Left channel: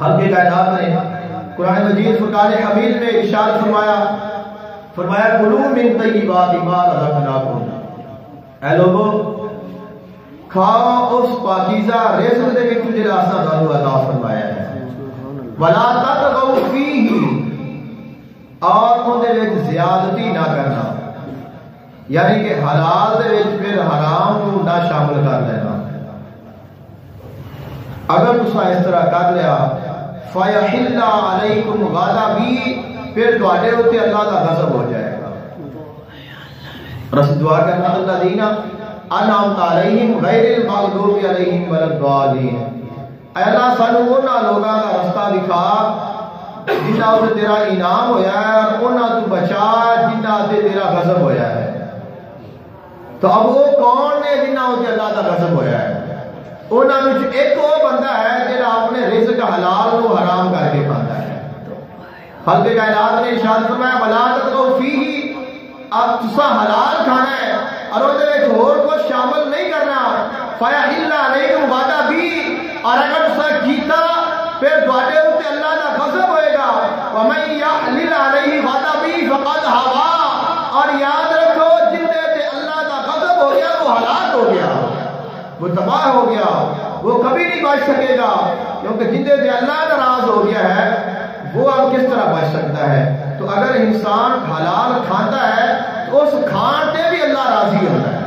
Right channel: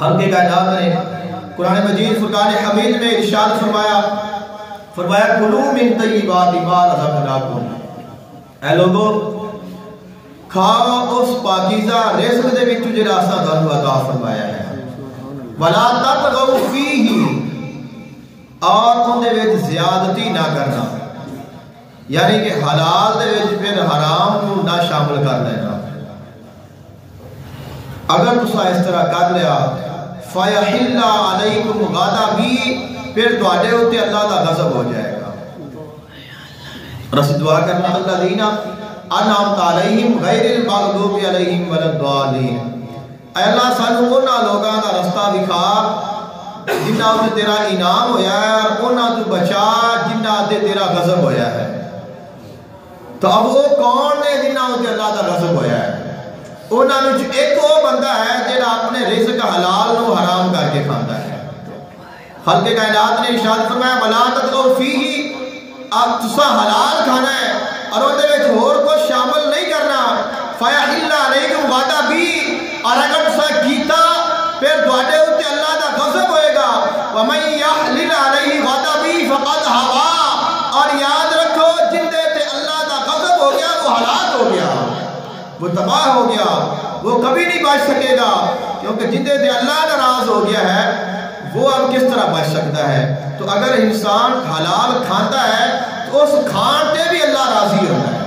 خلق کائنات نے قرآن مجید فرقان حمید میں ارشاد فرمایا کلوا من طیبات ما رزقناکم، اے لوگو کھاؤ اس پاکیزہ رزق دے وچ جڑا اساں تانوں عطا فرمایا ہے، ولا تطغوا فیہ، اور ان دے وچ زیادتی نہ کرنا، یعنی کہ حلال دے وچ پھر حرام کو نہ شامل کر دینا۔ اگر تسا اس طرح کر لیا فَيَحِلَّ عَلَيْكُمْ غَضَبِي، پھر تواڈے اوتے اللہ دا غضب ہو جائے گا۔ رسول دعا کرنا الذین انعمت علیہم غیر المغضوب علیہم ولا الضالین، اے اللہ سانو انہاں لوگاں دا رستہ دکھا جنہاں تے تیرا انعام ہویا ہے، اور انہاں تو بچا جنہاں تے تیرا غضب ہویا ہے۔ تو اب وہ کون نے جنہاں تے اللہ دا غضب ہویا ہے؟ انہاں وچ ایک وہ بندہ ہے جڑا اپنے رزق حلال نو حرام کر کے کھاندا ہے۔ خلق کائنات نے ارشاد فرمایا ولا تطغوا فیہ، اب تسا حلال کھانا ہے اور اون دے وچ ہور کچھ شامل نہیں کرنا۔ فَيَحِلَّ عَلَيْكُمْ غَضَبِي، اور اگر تسا کیتا پھر تواڈے اوتے اللہ دا غضب ہوئے گا۔ وَمَن يَحْلِلْ عَلَيْهِ غَضَبِي فَقَدْ هَوَىٰ، اور یاد رکھو جن دے تے اللہ دا غضب ہو گیا وہ ہلاک ہو گیا، وہ تباہ ہو گیا، وہ کبھی نہیں بچ سکے گا، کیونکہ جن دے تے اللہ ناراض ہو گیا ہے وہ اب کس طرح بچ سکتا ہے؟ تو اگر انسان حلال کھاتا ہے تو اس کھان تے بھی اللہ راضی ہوتا ہے۔